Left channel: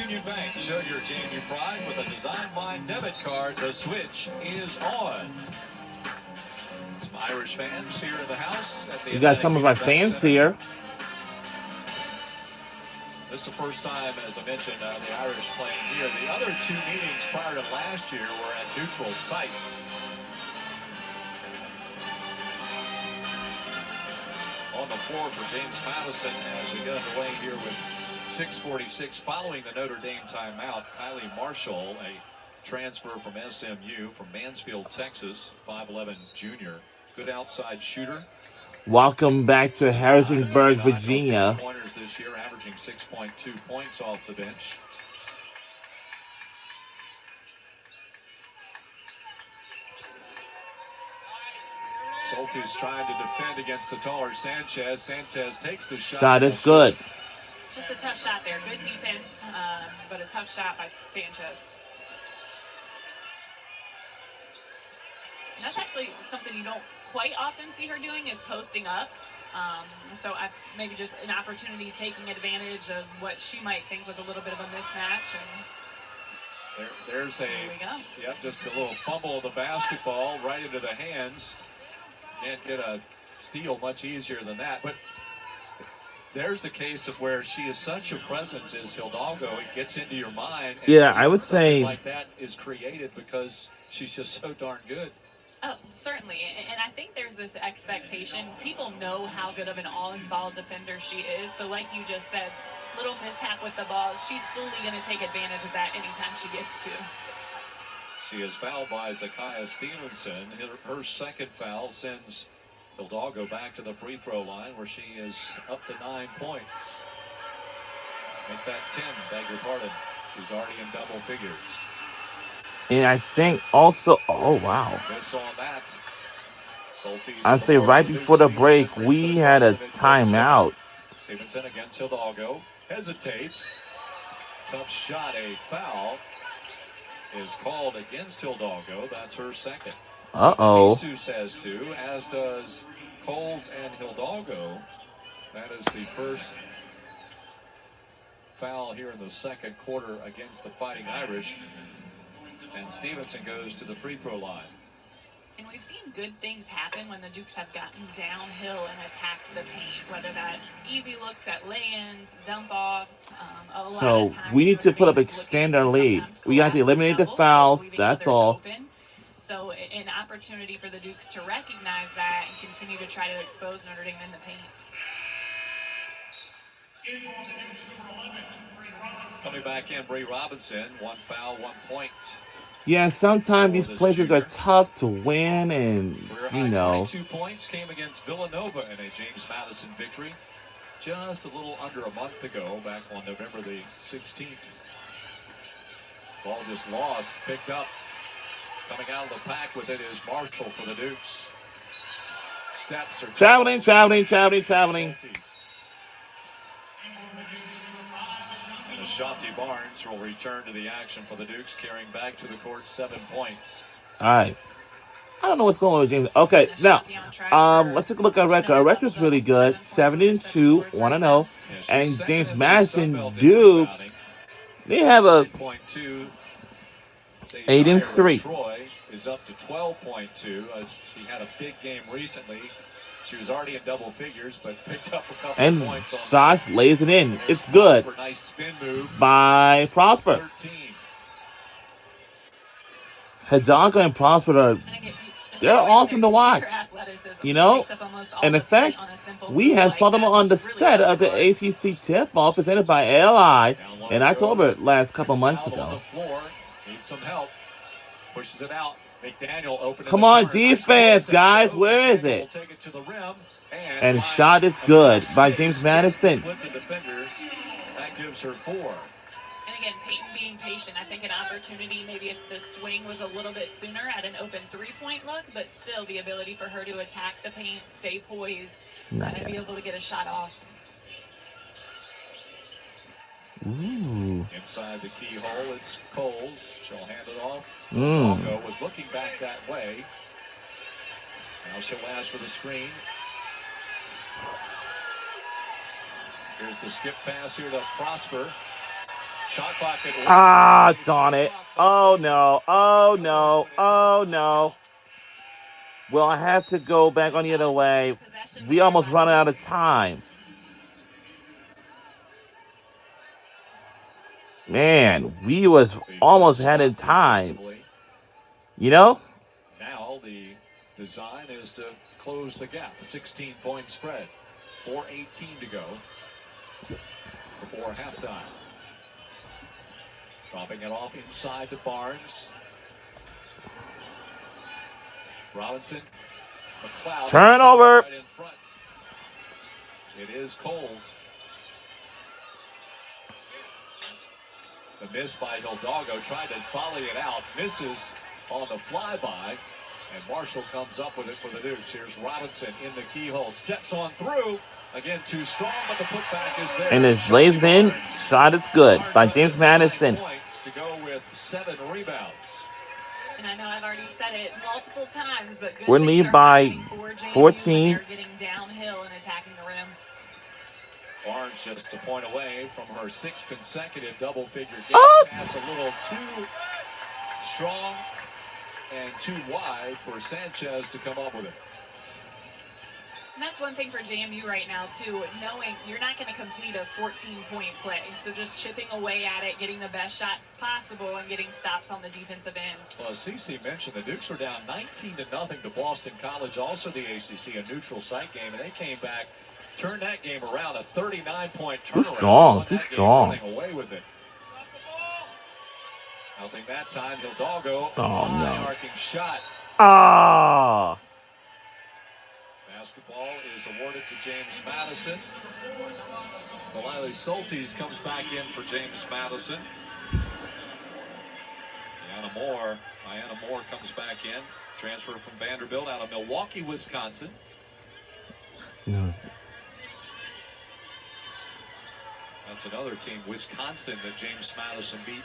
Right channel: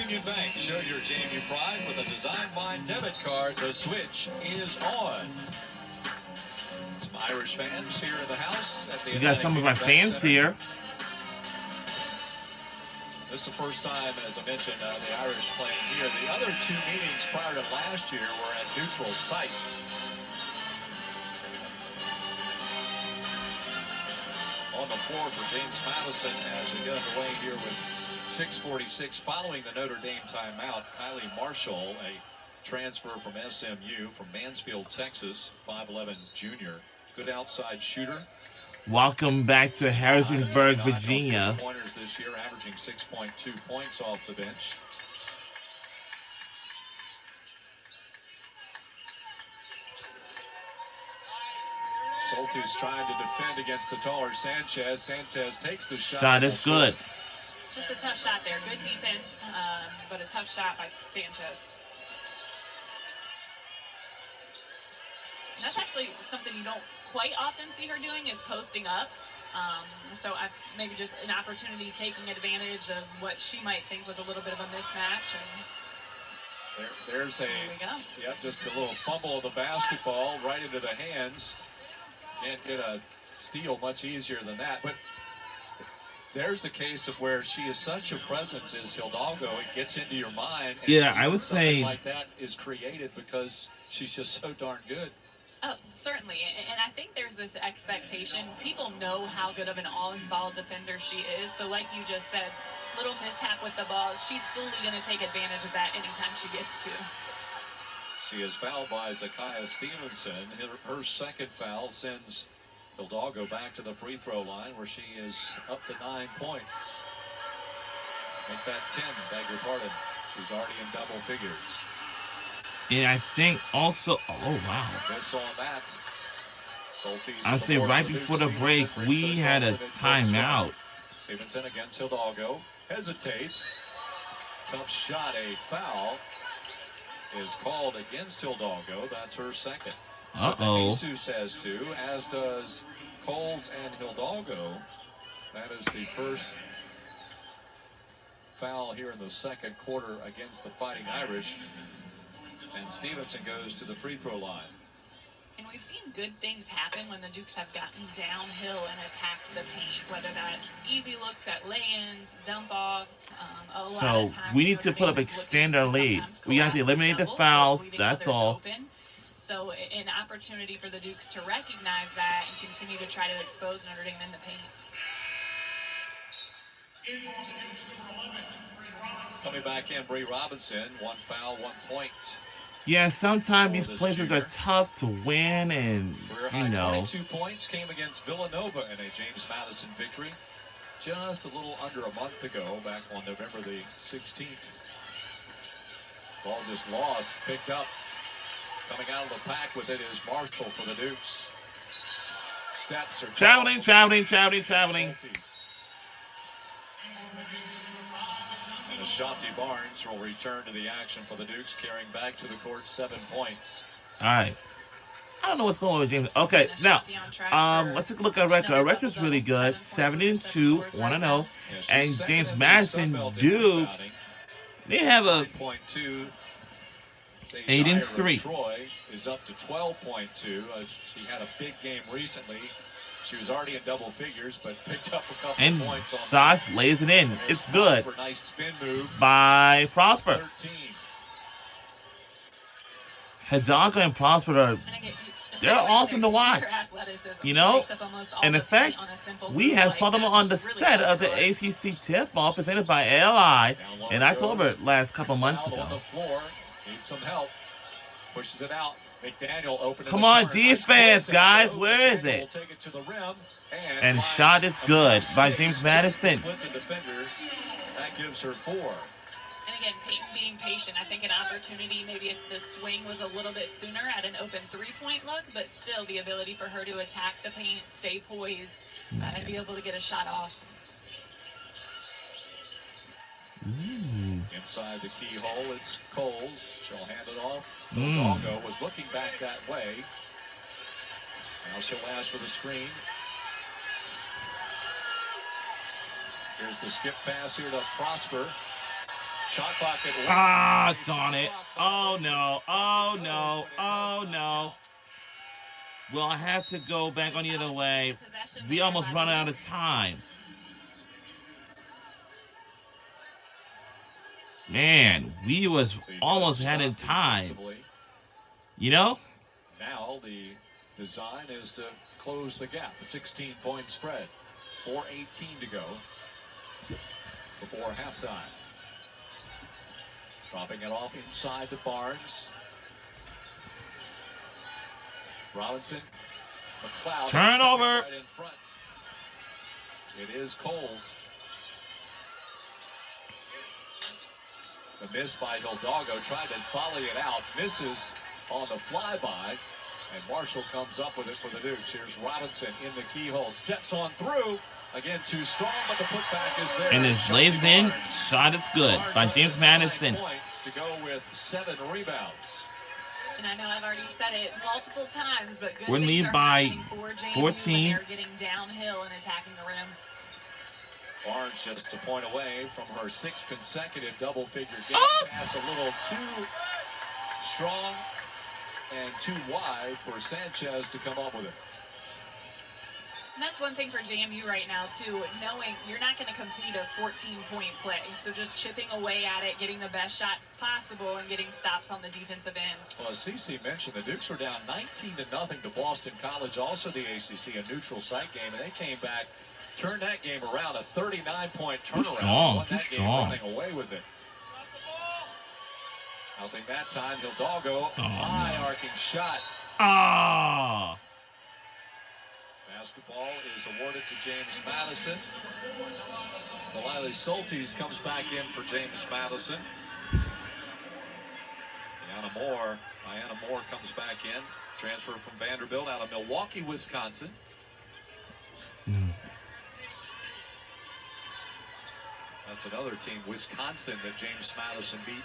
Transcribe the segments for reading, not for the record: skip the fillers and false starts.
Union Bank. Show your JMU pride with a Design Mind debit card. The switch is on. Some Irish fans here in the house at the We got some of our fans here. This is the first time, as I mentioned, the Irish playing here. The other two meetings prior to last year were at neutral sites. On the floor for James Madison as we get underway here with 6:46 following the Notre Dame timeout. Kylie Marshall, a transfer from SMU from Mansfield, Texas, 5'11" junior. Good outside shooter. Welcome back to Harrisonburg, Virginia. Pointers this year, averaging 6.2 points off the bench. Soltis trying to defend against the taller Sanchez. Sanchez takes the shot. Shot is good. Just a tough shot there. Good defense, but a tough shot by Sanchez. And that's actually something you don't quite often see her doing, is posting up. So maybe just an opportunity, taking advantage of what she might think was a little bit of a mismatch. And there's there we go. Yep, just a little fumble of the basketball right into the hands. Can't get a steal much easier than that. But there's the case of where she is such a presence as Hidalgo. It gets into your mind. And yeah, I would say like that is created because she's just so darn good. Oh, certainly. And I think there's this expectation. People know how good of an all-in-ball defender she is. So like you just said, little mishap with the ball, she's fully going to take advantage of that anytime she gets to. She is fouled by Zakiya Stevenson. Her second foul sends Hidalgo back to the free throw line where she is up to 9 points. Make that 10, beg your pardon. She's already in double figures. And I think also, oh wow. Miss on that. I'd say right before the break, we had a timeout. Stevenson against Hidalgo. Hesitates. Tough shot, a foul is called against Hidalgo. That's her second. Uh-oh. Jesus has two, as does Coles and Hidalgo. That is the first foul here in the second quarter against the Fighting Irish. And Stevenson goes to the free throw line. And we've seen good things happen when the Dukes have gotten downhill and attacked the paint, whether that's easy looks at lay-ins, dump-offs. So we need to put up extend our lead. We got to eliminate the fouls. That's all. So an opportunity for the Dukes to recognize that and continue to try to expose Notre Dame in the paint. Coming back in, Bree Robinson. 1 foul, 1 point. Yeah, sometimes these places are tough to win, and you know. 22 points came against Villanova in a James Madison victory just a little under a month ago, back on November the 16th. Ball just lost, picked up. Coming out of the pack with it is Marshall for the Dukes. Steps are traveling. Ashanti Barnes will return to the action for the Dukes, carrying back to the court 7 points. All right. I don't know what's going on with James. Okay, now, let's take a look at our record. Our record's really good. 7-2, 1-0. And James Madison Dukes, they have a 8-3. Troy is up to 12.2. She had a big game recently. She was already in double figures, but picked up a couple of points. And Sauce lays it in. It's good. Prosper, nice spin move by Prosper. 13. Hidalgo and Prosper are, they're awesome to watch. You know? And in fact, we have saw them on the set of the ACC tip-off presented by LI in October last couple months ago. On the floor, needs some help. Pushes it out. McDaniel open. Come on, defense, guys. Where is it? Take it to the rim, and shot is good by James Madison. That gives her 4. And again, Peyton being patient. I think an opportunity, maybe if the swing was a little bit sooner at an open three-point look, but still the ability for her to attack the paint, stay poised, and be able to get a shot off. Ooh. Inside the keyhole, it's Coles. She'll hand it off. Hidalgo was looking back that way. Now she'll ask for the screen. Here's the skip pass here to Prosper. Shot clock at 1. Ah, darn it. Oh, no. Oh, no. Oh, no. Well, I have to go back on the other way. We almost run out of time. Man, we was almost had in time. You know? Now the design is to close the gap. A 16-point spread. 4:18 to go before halftime. Dropping it off inside to Barnes. Robinson. McLeod. Turnover. Right in front. It is Coles. The miss by Hidalgo. Tried to volley it out. Misses on the flyby. And Marshall comes up with it for the Dukes. Here's Robinson in the keyhole. Steps on through. Again, too strong, but the putback is there. And it's lays in. Shot is good by James Madison. Points to go with 7 rebounds. And I know I've already said it multiple times, but good We're things lead are by happening for JMU when 14. they're getting downhill and attacking the rim. Barnes just a point away from her 6th consecutive double-figure game. Oh. Pass a little too strong and too wide for Sanchez to come up with it. And that's one thing for JMU right now, too, knowing you're not going to complete a 14-point play. So just chipping away at it, getting the best shots possible, and getting stops on the defensive end. Well, as CC mentioned, the Dukes were down 19-0 to Boston College, also the ACC, a neutral site game, and they came back, turned that game around, a 39-point turnaround. Too strong, Won too that game strong. running away with it. Nothing that time. Hidalgo, Oh, high no. arcing shot. Ah. Basketball is awarded to James Madison. Malili Soltis comes back in for James Madison. Diana Moore comes back in. Transfer from Vanderbilt out of Milwaukee, Wisconsin. No. That's another team, Wisconsin, that James Madison beat.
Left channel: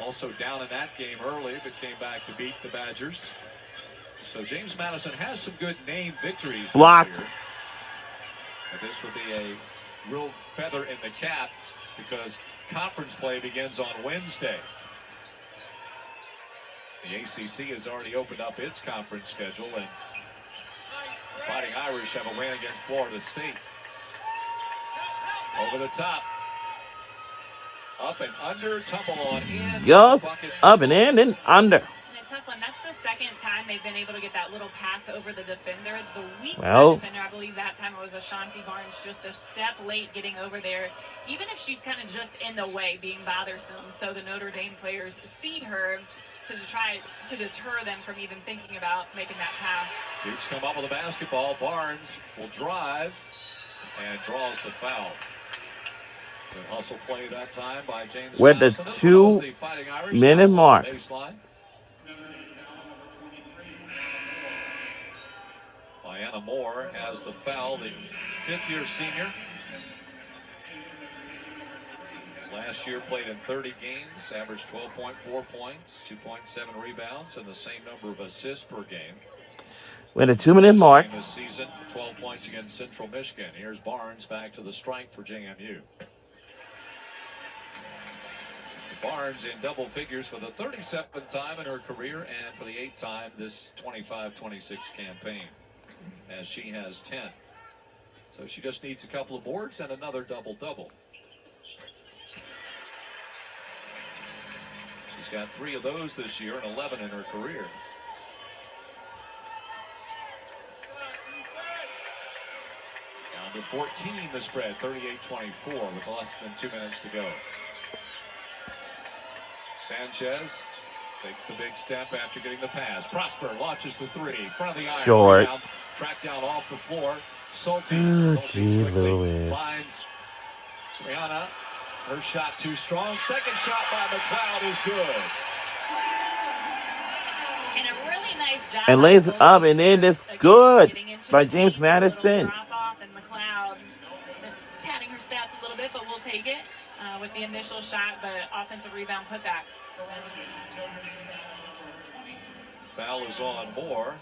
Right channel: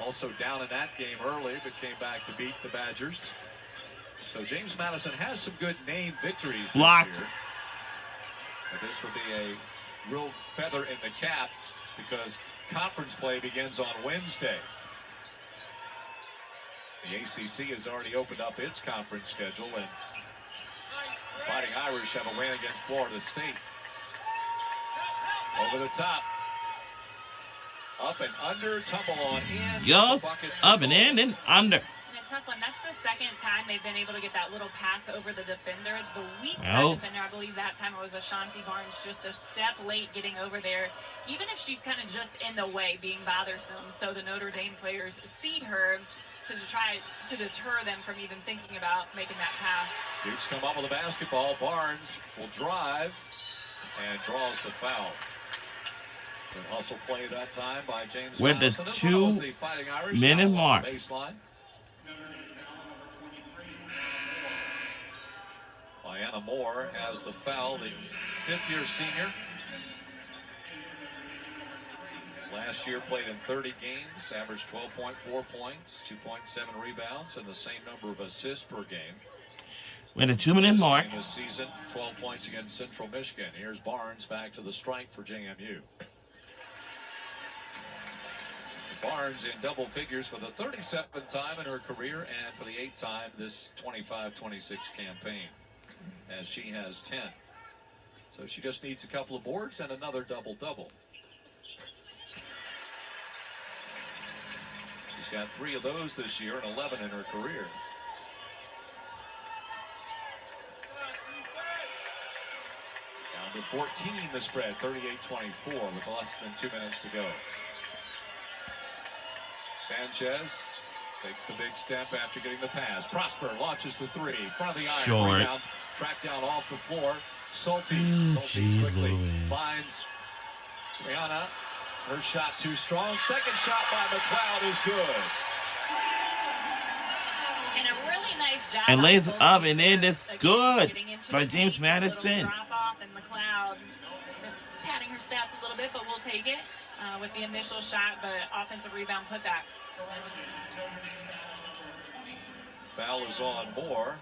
Also down in that game early, but came back to beat the Badgers. So James Madison has some good name victories Blocked. this year. But this will be a real feather in the cap because conference play begins on Wednesday. The ACC has already opened up its conference schedule, and the Fighting Irish have a win against Florida State. Over the top. Up and under, tumble on in. Goes Bucket up and in and under. And a tough one. That's the second time they've been able to get that little pass over the defender. The weak Well. side defender, I believe that time it was Ashanti Barnes, just a step late getting over there. Even if she's kind of just in the way, being bothersome. So the Notre Dame players seed her to try to deter them from even thinking about making that pass. Dukes come up with a basketball. Barnes will drive and draws the foul. Good hustle play that time by James We're at the Madison. This one was the Fighting Irish 2-minute on the mark. baseline. Diana Moore has the foul, the 5th-year senior. Last year played in 30 games, averaged 12.4 points, 2.7 rebounds, and the same number of assists per game. We're at the 2-minute mark. This season, 12 points against Central Michigan. Here's Barnes back to the strike for JMU. Barnes in double figures for the 37th time in her career and for the 8th time this 25-26 campaign, as she has 10. So she just needs a couple of boards and another double-double. She's got 3 of those this year and 11 in her career. Down to 14 the spread, 38-24 with less than 2 minutes to go. Sanchez takes the big step after getting the pass. Prosper launches the 3. Front of the iron. Short. Rebound, tracked down off the floor. Soltis. Oh, Soltis gee, quickly Louis. finds Rihanna. Her shot too strong. Second shot by McLeod is good. And a really nice job. And lays it up and in. It's Again, good getting into by the James paint, Madison. little drop off, and McLeod padding her stats a little bit, but we'll take it with the initial shot, but offensive rebound putback. Foul is on Moore.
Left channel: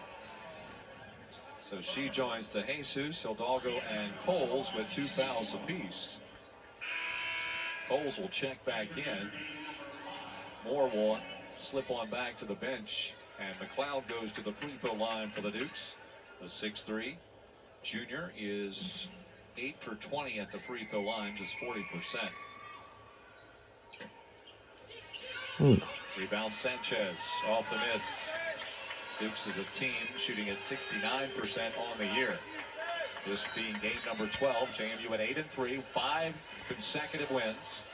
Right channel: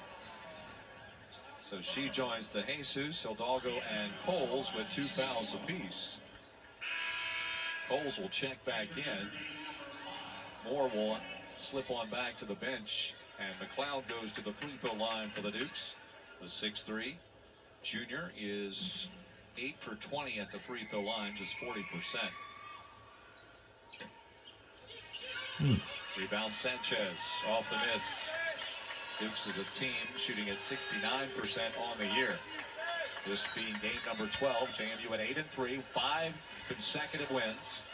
So she joins DeJesus, Hidalgo, and Coles with 2 fouls apiece. Coles will check back in. Moore will slip on back to the bench. And McLeod goes to the free throw line for the Dukes. The 6'3" junior is 8 for 20 at the free throw line, just 40%. Rebound Sanchez off the miss. Dukes is a team shooting at 69% on the year. This being game number 12. JMU at 8-3, 5 consecutive wins.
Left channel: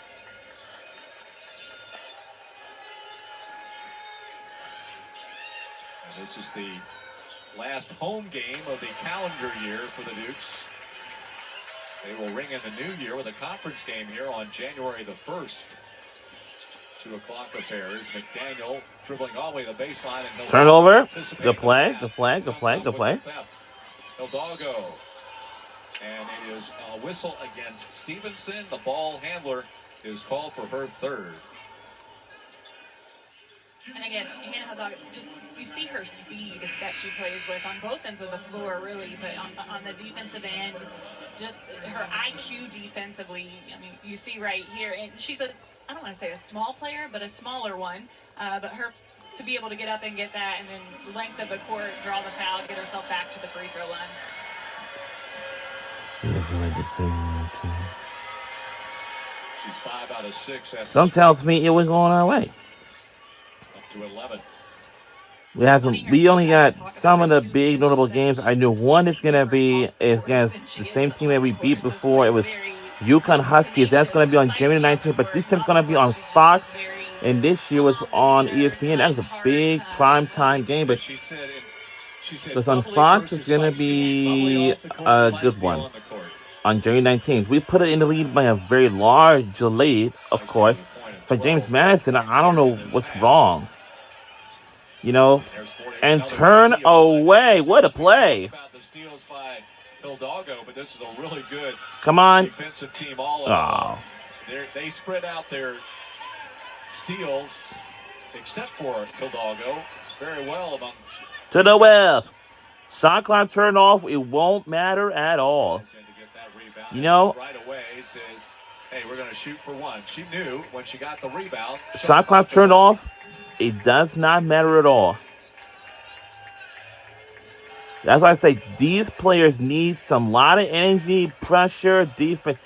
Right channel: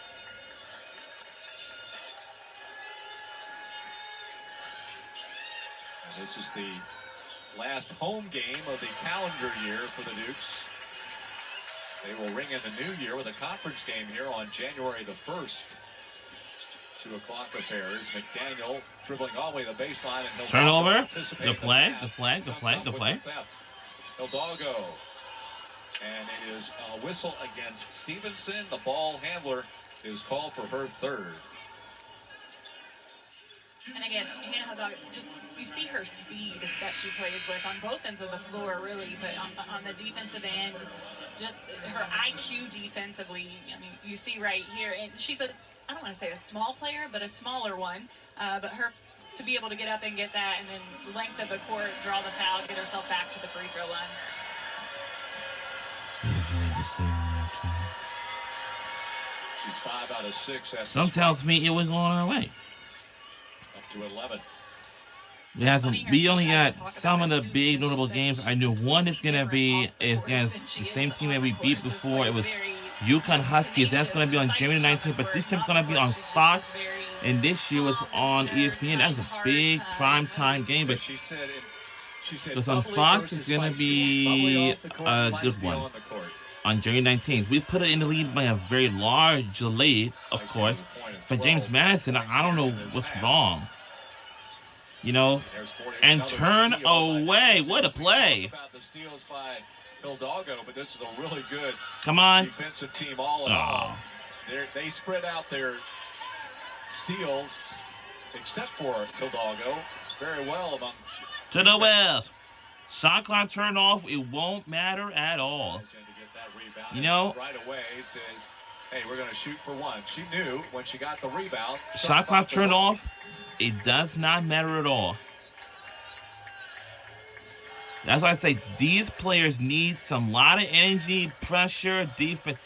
And this is the last home game of the calendar year for the Dukes. They will ring in the new year with a conference game here on January the 1st. 2 o'clock affairs. McDaniel dribbling all the way to the baseline. And turnover. Good play. Good play. Good play. Good play. Hidalgo. And it is a whistle against Stevenson. The ball handler is called for her third. And again, Hannah Hidalgo, just you see her speed that she plays with on both ends of the floor, really, but on the defensive end, just her IQ defensively. I mean, you see right here, and she's a, I don't want to say a small player, but a smaller one. But her to be able to get up and get that, and then length of the court, draw the foul, get herself back to the free throw line. Yes, I made the same one too. She's 5 out of 6. Some tells me it was going our way. Up to 11. We only got some of the big notable games. I knew one is gonna be against the same team that we beat before. It was UConn Huskies. That's gonna be on January 19th, but this time's gonna be on Fox, and this year was on ESPN. That was a big primetime game, but because on Fox it's gonna be a good one on January 19th. We put it in the lead by a very large lead, of course. For James Madison, I don't know what's wrong. You know, and turn away. What a play. Hidalgo, but this is a really good Come on. defensive team all along. They spread out their steals, except for Hidalgo, very well among. To the west. Shot clock turned off. It won't matter at all. You know, right away says, hey, we're going to shoot for one. She knew when she got the rebound. Shot clock turned off. It does not matter at all. That's why I say these players need some lot of energy, pressure, defense,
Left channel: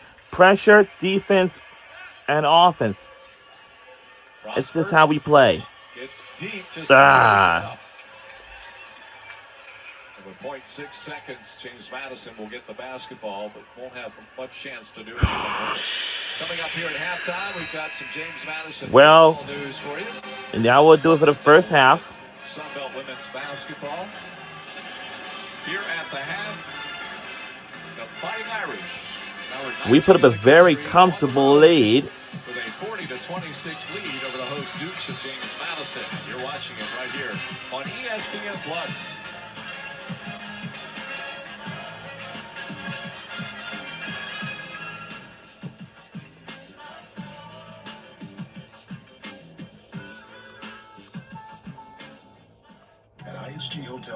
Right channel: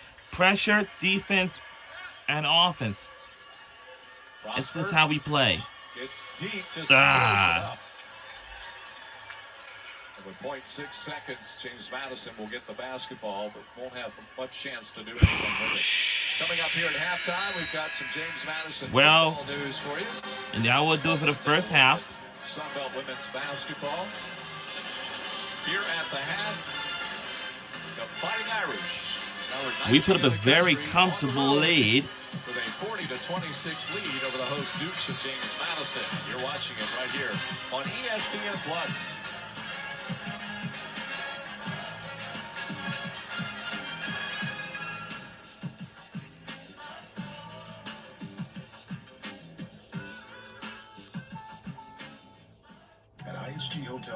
and offense. It's just how we play. It's deep, just with 0.6 seconds, James Madison will get the basketball, but won't have much chance to do anything with it. Coming up here at halftime, we've got some James Madison news for you. And now we'll do it for the first half. Sunbelt women's basketball. Here at the half, the Fighting Irish. We put up a very comfortable lead. With a 40-26 lead over the host Dukes of James Madison. You're watching it right here on ESPN Plus. At IHG Hotel.